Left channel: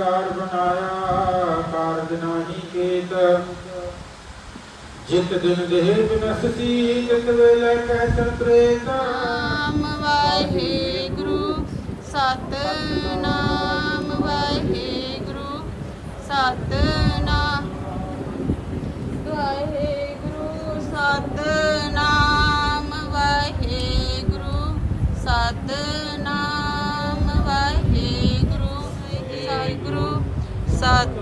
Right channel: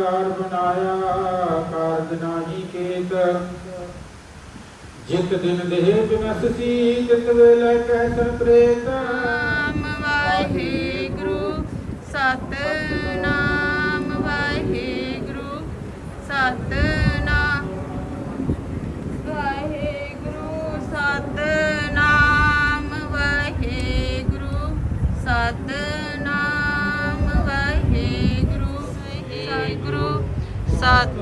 ਲਖ ਸ਼ਿੰਗਾਰ ਬਣਾਇਆ, ਕਾਰਜ ਨਾਹੀ ਕੇਤ। ਜਿਤ ਦਿਨ ਦੇਹ ਬਿਨਸਤੀ ਤਿਤ ਵੇਲੇ ਕਹਿ ਸੰਤ੍ਰੇਤ। ਨਾਮ ਵਾਹਿਗੁਰੂ।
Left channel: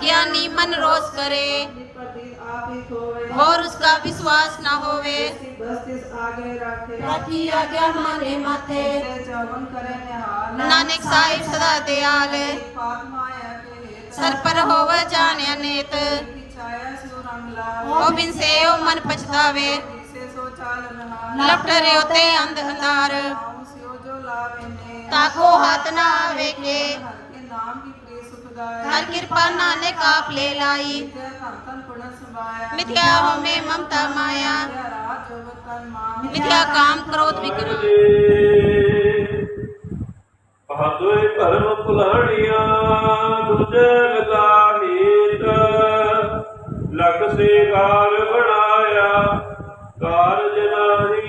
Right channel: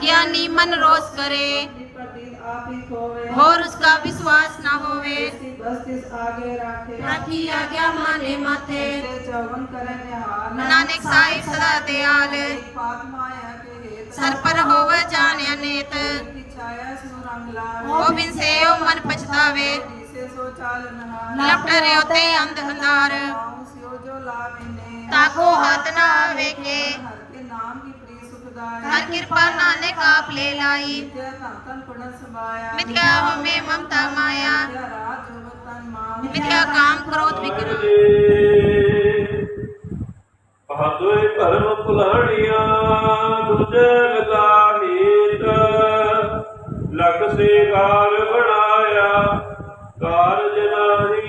अज्ञानी मन रोष करे और उसका विश्वास न होवे रखी आज्ञा माने माथे नानक साहिब सदा दयाल सर पर होवे जाने अनेत गोबिंद से ओ मन पछतावे लपट रे होते अंध अंधार ताको हाथ ना वेखे हर कृपा नानक आप ले लाई मिथ्या होमे ममता माया मिथ्या काम क्रोध विक्रम ਪਾਦੋਏ ਧਰਮ ਭੁਲਾਣੀਆਂ ਦੂਜੇ ਲਗਾ ਹੀਤ ਲਖ ਸਿੰਘਾਰ ਬਣਾਇਆ ਕਾਰਜ ਨਾਹੀ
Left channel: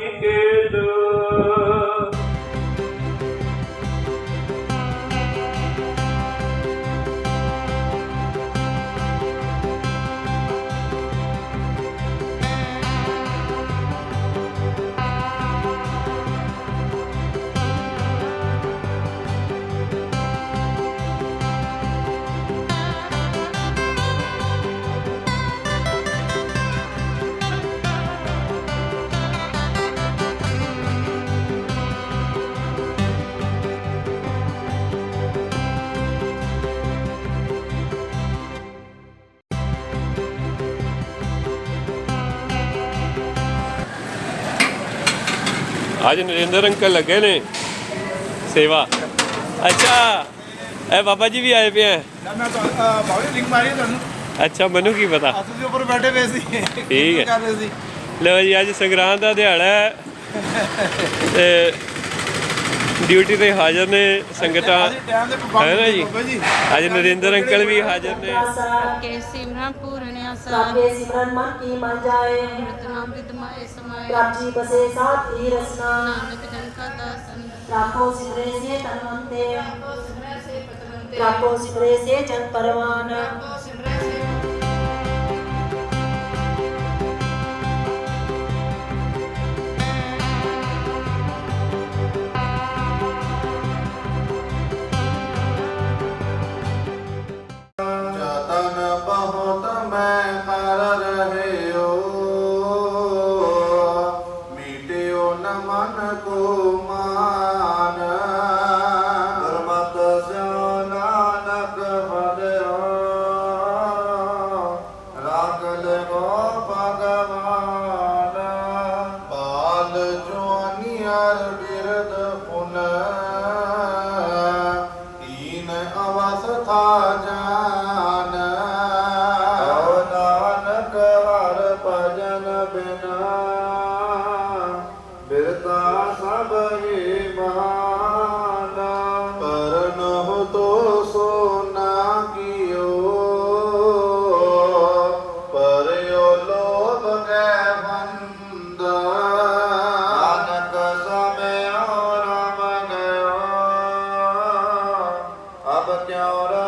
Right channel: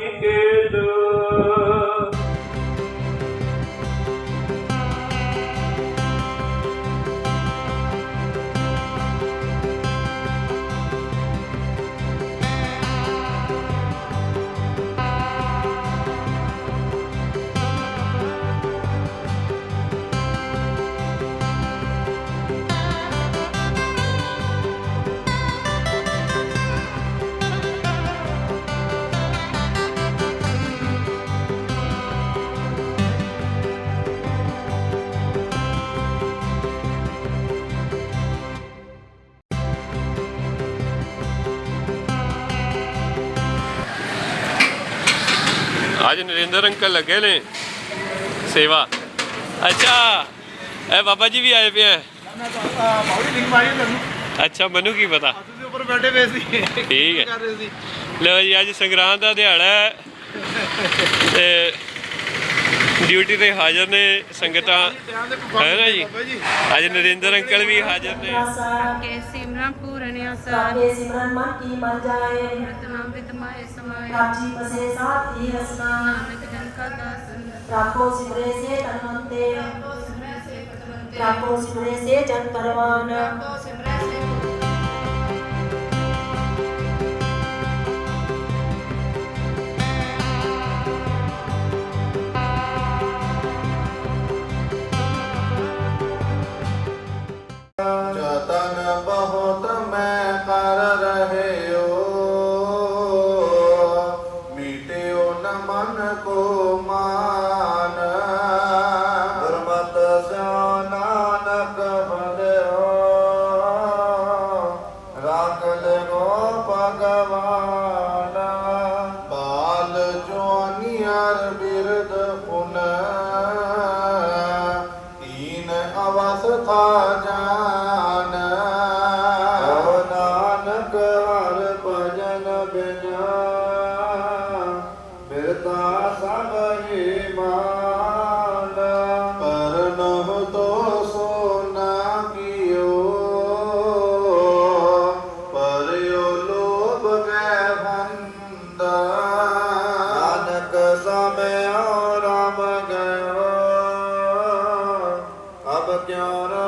ਅੱਜ ਨਰਿੰਦਰ ਅੰਕਲ ਲੱਗੇ ਨੇ ਸੇਵਾ। ਅੱਛਾ ਇਹ ਬਾਬਾ ਜੀ ਵੀ ਆਏ ਪਏ ਆ। ਬਾਉਲੀ ਲਿੰਕ ਮਾਰੀ ਤੁਹਾਨੂੰ? ਅੱਛਾ ਮੈਨੂੰ ਕੀ ਪਤਾ? ਅਸੀਂ ਦੇ ਉੱਪਰ ਬੈਠੇ ਹੋਏ ਸੀ। ਠੀਕ ਹੈ। ਕਰ ਰਹੇ ਸੀ? ਲਓ ਜੀ ਅੱਜ ਸੰਗਰਾਂਦ ਦਾ ਦਿਹਾੜਾ ਹੈ। ਤੇ ਡਿਊਟੀ ਤੇ ਹਾਜ਼ਰ ਨੇ ਸੰਗਤਾਂ। ਹੈ ਨਾ ਜੀ? ਬਾਬਾ ਜੀ। ਅੱਜ ਨਰਿੰਦਰ ਅੰਕਲ ਵੀ ਹਾਜ਼ਰ ਨੇ। ਸੁਣਿਆ ਸਾਗੇ ਸਿਮਰਨ ਮਨ ਕੀ ਮਨ ਜਾਏ ਅੰਮ੍ਰਿਤ ਨਾਮ ਵਿਦਮਾਏ ਸਮਾਏ। ਰਾਜੀ ਬਸੇ ਸਾਥ ਹੀ ਰਸਨਾ। ਨਾਨਕ ਜਨ ਕਾ ਦਾਸਨ ਰਾਖੋ ਸਿਮਰੇ ਸੇ ਤਨਵੰਤੇ ਰਾਖੋ ਸਿਮਰੇ ਸੇ ਜਨ ਪਰਵਾਨ। ਰਾਖੋ Señor.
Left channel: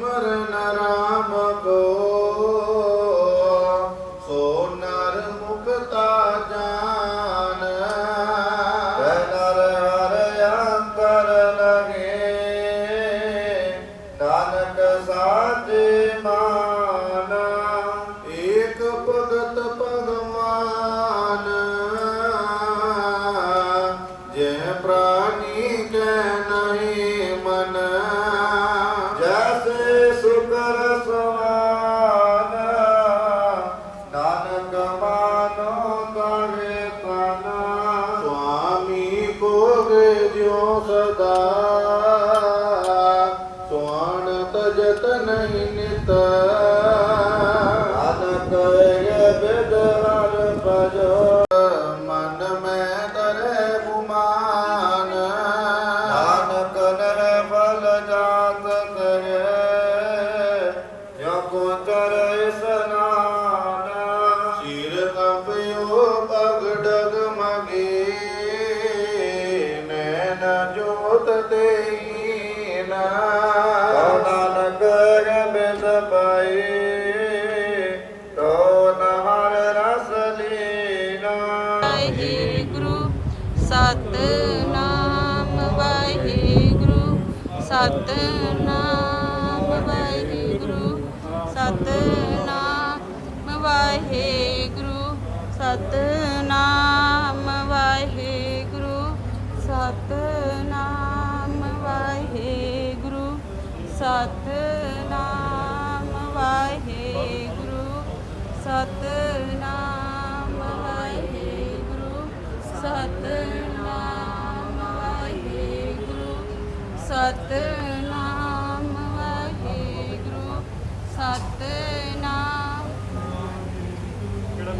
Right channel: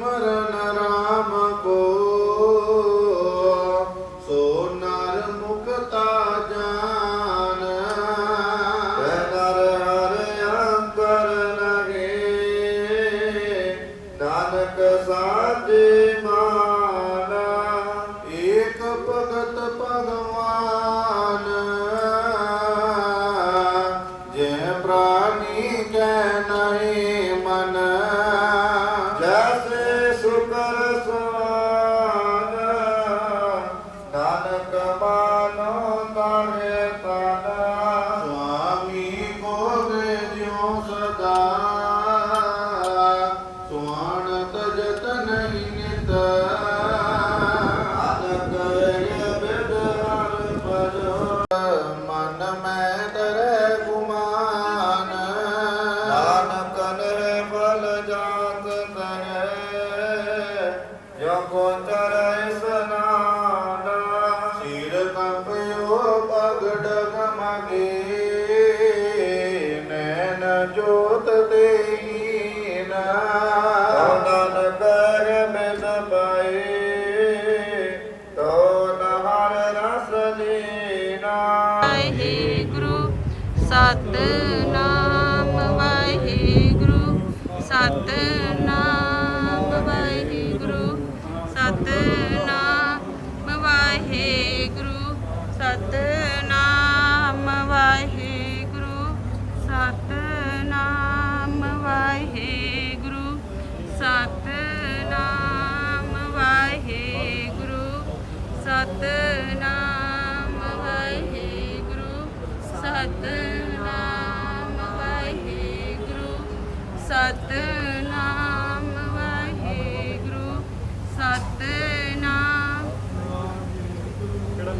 মরণ ਸਤਨਾਮ ਵਾਹਿਗੁਰੂ ਸਤਿ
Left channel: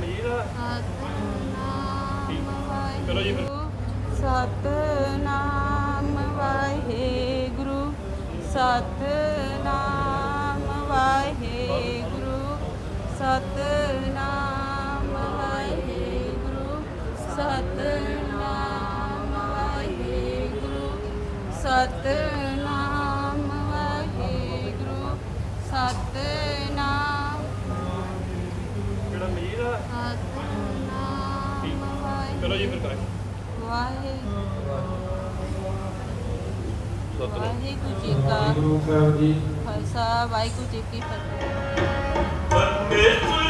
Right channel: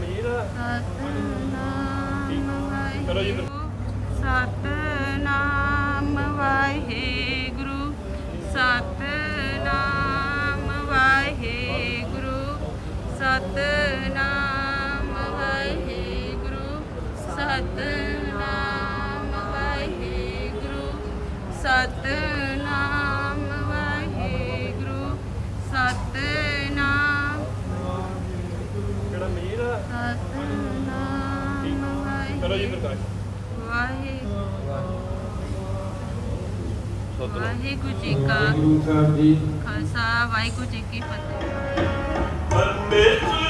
ਮਜੀਦ ਸਤਨਾਮ ਚਲੋ ਜੀ ਫਿਰ। ਸਤਨਾਮ ਵਾਹਿਗੁਰੂ। ਸਤਨਾਮ ਕਰੋ ਜੀ ਪ੍ਰਕਾਸ਼ ਵਾਹਿਗੁਰੂ। ਸਤਿਨਾਮ ਵਾਹਿਗੁਰੂ ਜੀ ਕਾ ਸਾਹਿਬ ਜੀ। ਖਾਲਸਾ ਵਾਹਿਗੁਰੂ ਜੀ ਕੀ ਫਤਿਹ। ਸਗਲੀ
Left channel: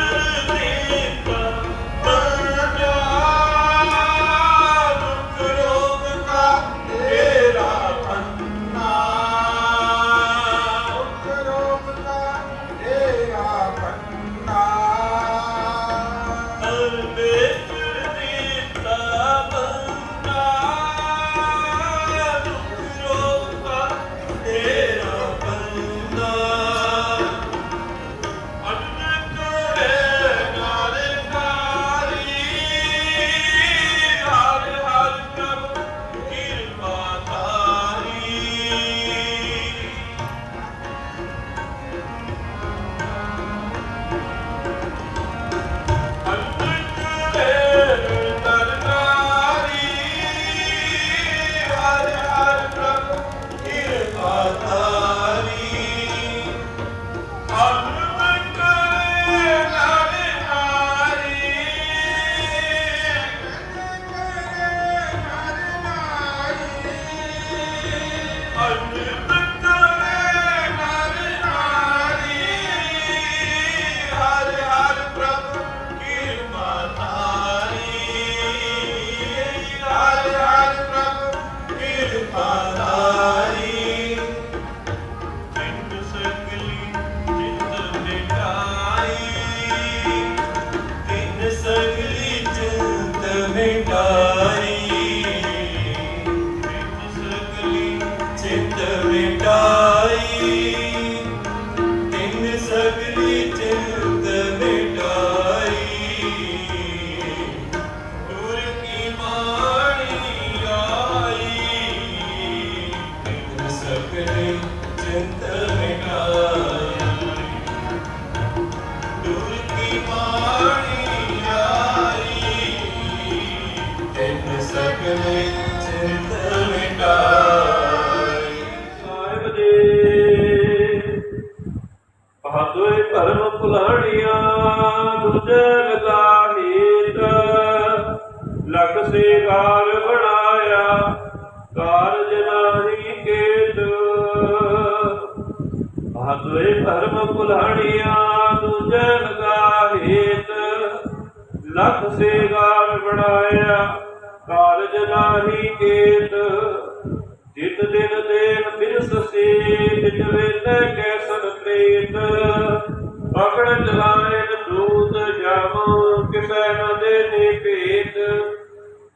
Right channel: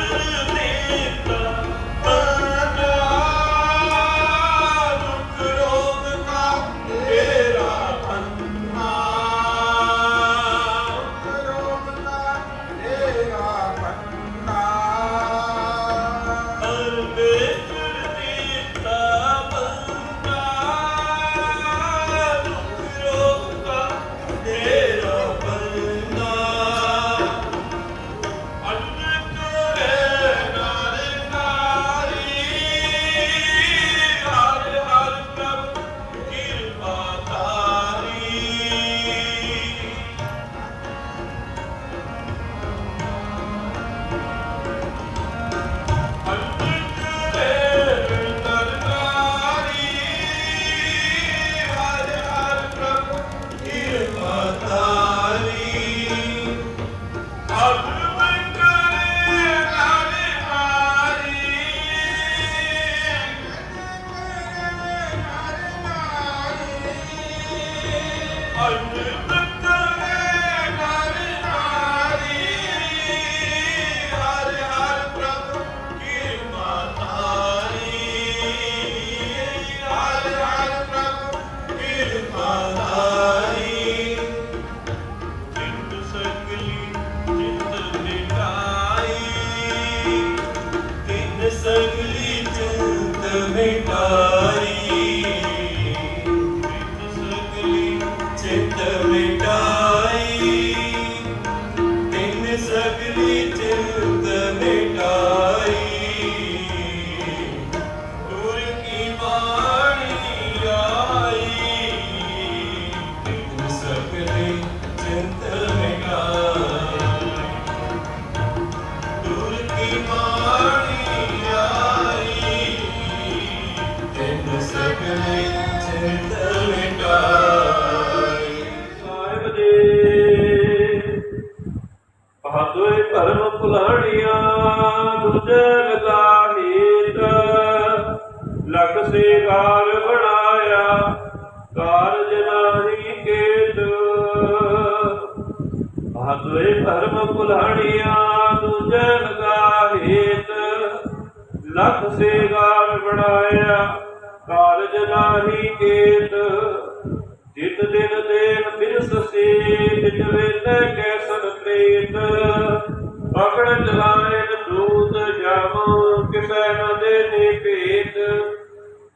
ਪਕੜ ਚਲਾਏ ਦੂਤ ਜਾਮ ਕਿਸੈ ਨ ਦੇਨੇ ਭੇਤ।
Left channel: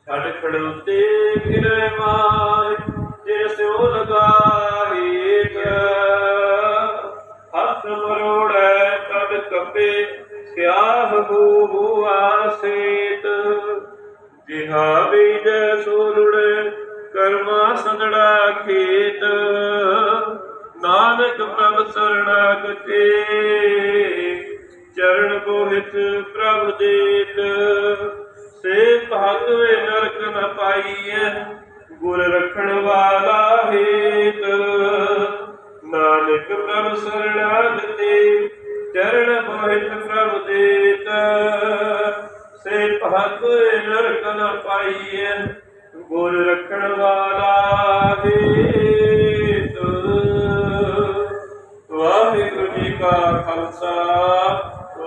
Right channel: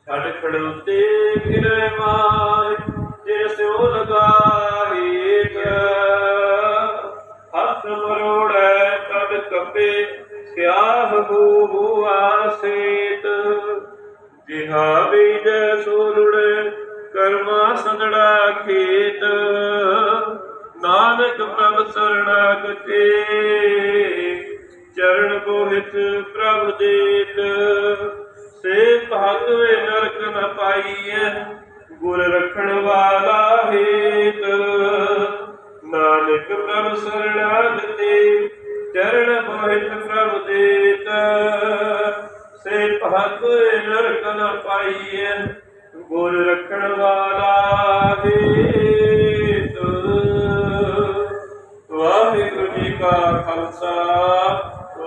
ਛੱਡ ਖੜੋਤੇ ਫਿਰੇ ਮਾਰ ਜੇ ਸਿਉ ਲਗਾਹੀਤ ਹੱਥ ਮਰੋੜੈ ਤਦ ਕੱਪੇ, ਸਿਆਹ ਹੂ ਆਸੇਤ। ਜਿਹਾ ਬੀਜ ਸੋਲੁੜੇ ਕਰਮਾ ਸੰਦੜਾ ਖੇਤ। ਨਾਨਕ ਪ੍ਰਭ ਸਰਣਾਗਤੇ ਚਰਨ ਬੋਹਿਤ ਪ੍ਰਭ ਦੇਤ ਸੇ ਭਾਗਵੇ ਨਰਕ ਨ ਪਾਈਐ, ਗੁਰ ਰਖਣ ਵਾਲਾ ਹੇਤ। ਨਾਨਕ ਪ੍ਰਭ ਸਰਣਾਗਤੇ, ਚਰਨ ਬੋਹਿਤ ਪ੍ਰਭ ਦੇਤ। ਸੇ ਭਾਗਵੇ ਨਰਕ ਨ ਪਾਈਐ, ਗੁਰ ਰਖਣ ਵਾਲਾ ਹੇਤ। ਵਾਹਿਗੁਰੂ ਜੀ ਕਾ ਖਾਲਸਾ।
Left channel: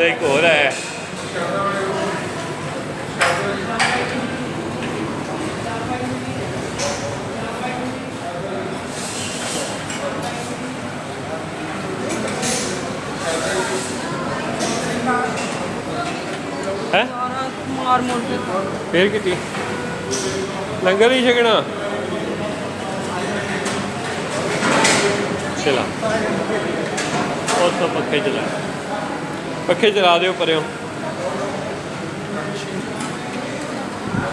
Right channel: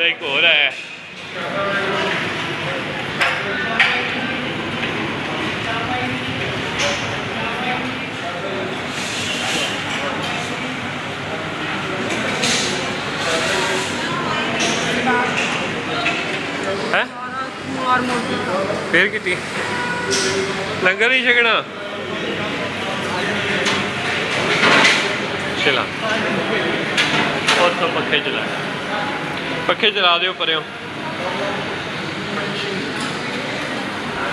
ਇੱਕ ਹੋਰ ਹੈ। ਹੈ? ਫੇਰ ਕਿਤੇ ਲੰਗਰ ਨਹੀਂ ਛਕਣਾ? ਚਲਾ ਔਰ ਤੋਂ ਪੱਖੇ ਚਲਾ। ਪੱਖੇ ਚਲਾ ਦਿਓ ਪਰਿਓ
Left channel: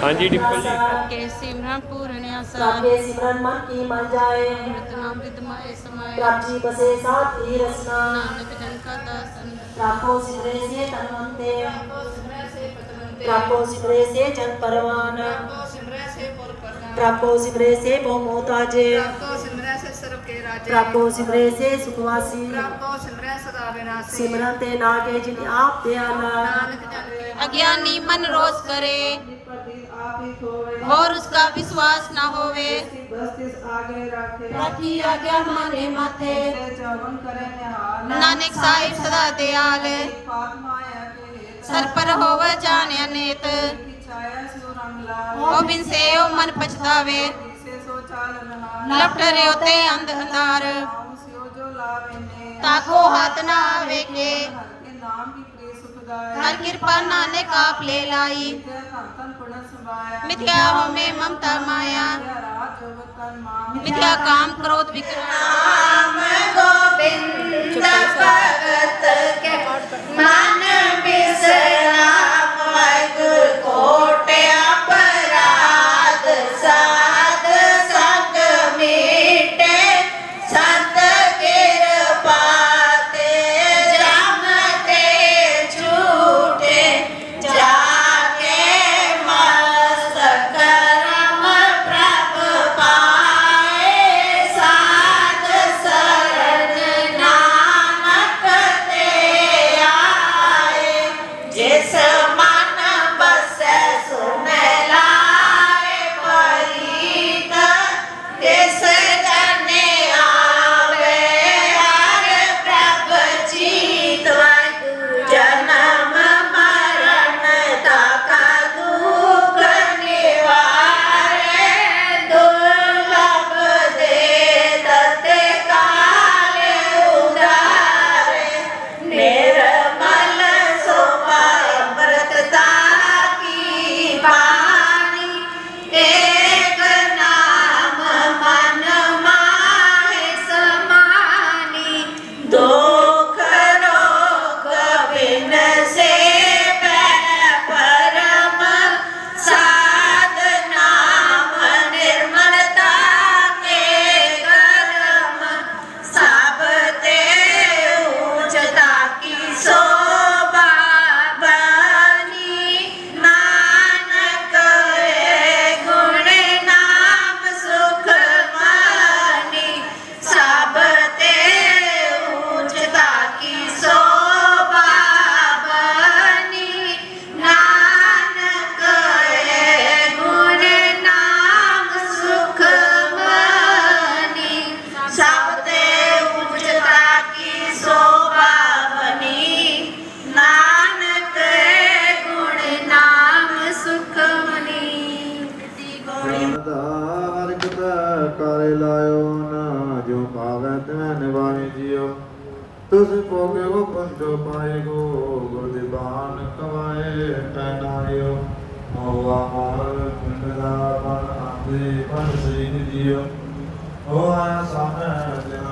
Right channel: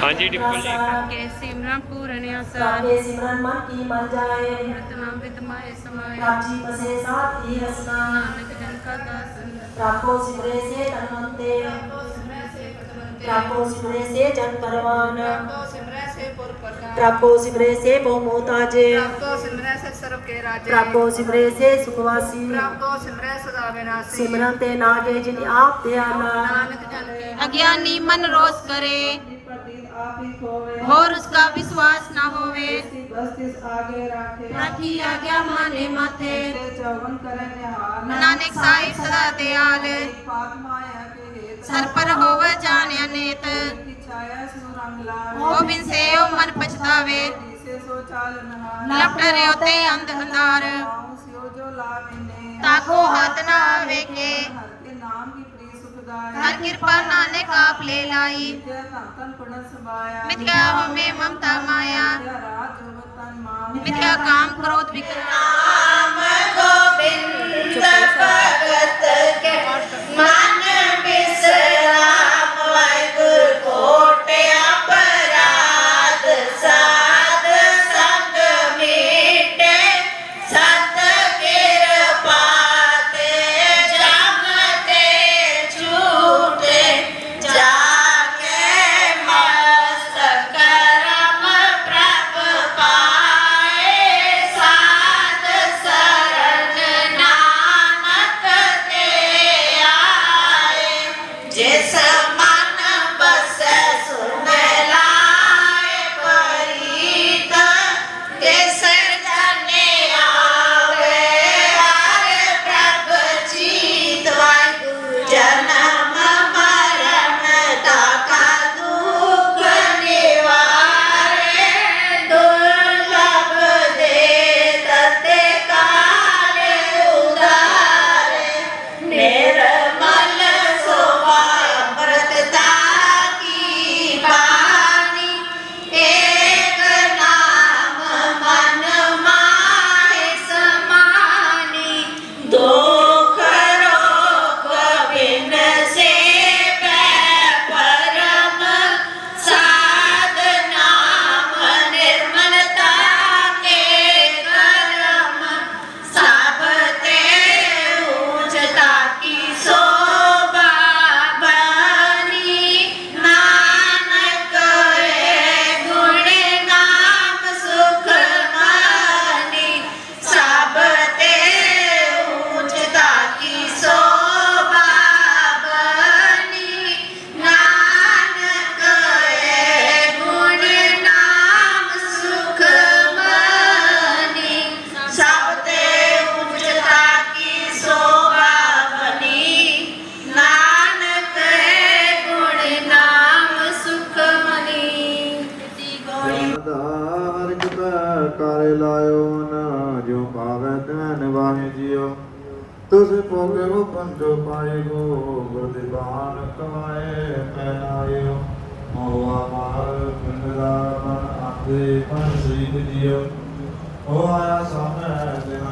ਹਾਂਜੀ ਡਿੰਪਲ ਜੀ। ਕੇ ਸਿਮਰਨਪੁਰ ਸਿਮਰਨ ਮਨ ਕੀ ਮਨ ਜਾਏ? ਨਾਮ ਦੇ ਸਮਾਏ। ਰਾਜੀ ਬਸੇ ਸਾਥੀ ਰਸਨਾ। ਨਾਨਕ ਜਨ ਕਾ ਦਾਸਨ। ਰਾਖੋ ਸਿਮਰੇ ਸੇ ਤਨਵੰਤੇ। ਰਾਖੋ ਸਿਮਰੇ ਸੇ ਜਨ ਪਰਵਾਨ। ਰਾਖੋ ਸਿਮਰੇ ਸੇ ਪੁਰ ਪ੍ਰਕਾਸ਼ ਰਾਖੋ ਕੇ ਰਾਜੇ प्रापो सिमरे से सुखवासी ਕੋ ਸਿਮਰੈ ਸਦਾ ਵਿਨਾਸੀ सिमरन ते नागे जिन आप दयाला नानक जन के अज्ञानी मन रोष करे और उसका विश्वास न होवे रखी आज्ञा माने माथे नानक साई सदा दयाल सर पर होवे जाने अनेत गोबिंद से ओ मन पछतावे जो चाल लपट रहे होते अंध अंधार ने ताको हाथ ना आवे के नाम की प्रिय सुखदाई कृपा नाने काप ले लाई। तन पड़न समाया होमे ममता माया। राज काम क्रोध विक्रम तो गोविंद भगत के मान जैसा ਤੁਸ ਭੋਗਿ ਪੰਜੋ ਪਾਏ ਗੋ ਕਵਾਏ ਪੈਨਾਇਓ ਮੋਆ ਮਾਰ ਪਿੰਡਾ ਮਨ ਆਂਦੇ ਪਨ ਸ੍ਰੀ ਜਿਉ ਹੋ ਆਇਆ ਸਾਮੈ ਜਿਨ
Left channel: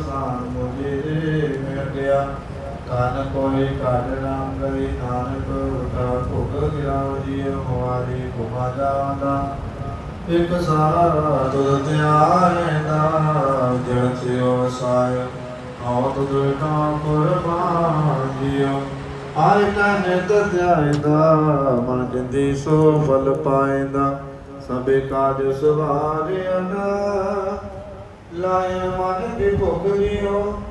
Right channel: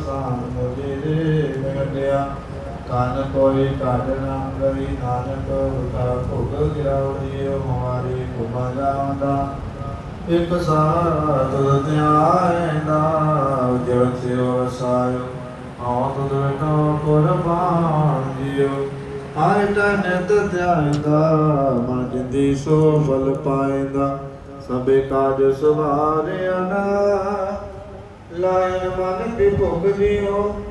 ਸਾਨ ਮੁਝੇ ਮਿਲ ਕਨ ਕੋਈ ਕਾਜ ਨਾਮ ਗਈ ਨਾਨਕ ਕਾ ਭੁਗ ਗਿਰਾਉ ਜੀਉ ਹਮਾਰੇ ਕੁਮਾ ਜਾਂਦਾ। ਇਕ ਸਾਰਾ ਤੁਧ ਧਿਆਇਂਦਾ ਜੜ ਥਿਓ ਸਾਇ ਹਉ ਤੁਧ ਤੋ ਕੁਰਬਾਨ ਜੀਉ ਹਰ ਤਨ ਤੁਧ ਧਿਆਇਂਦਾ, ਮਨ ਜਿੰਦੀ ਸੋ ਫਲ ਪਾਇਂਦਾ। ਸਭੇ ਕਾਜ ਸਵਾਰਿਆ ਨਾ ਲਾਇ ਮਨ ਦੀ ਭੁਖ ਲਿਓ।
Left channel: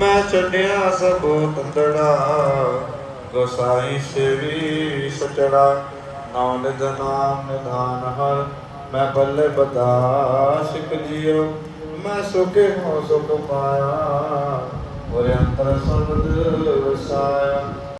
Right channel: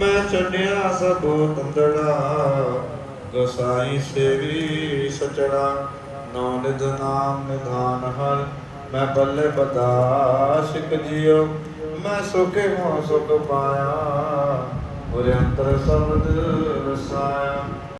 ਮੈਂ ਛੱਡਿਆ ਸਭ ਤੰਦੜਾ ਗੋਸਾਈ ਸੇਵੀ ਸਚੜਾ। ਨਾਨਕ ਨਾਮ ਨਿਧਾਨ ਹਰ ਮੈਂ ਬੱਲੇ ਬਦਾ ਸਿੱਖ ਜਿਉ ਮੈਂ ਸੁਖੇ ਹਾਂ ਸੁਖ ਪਾਇਆ। ਗੁਰ ਅੰਤਰ ਸਬਦ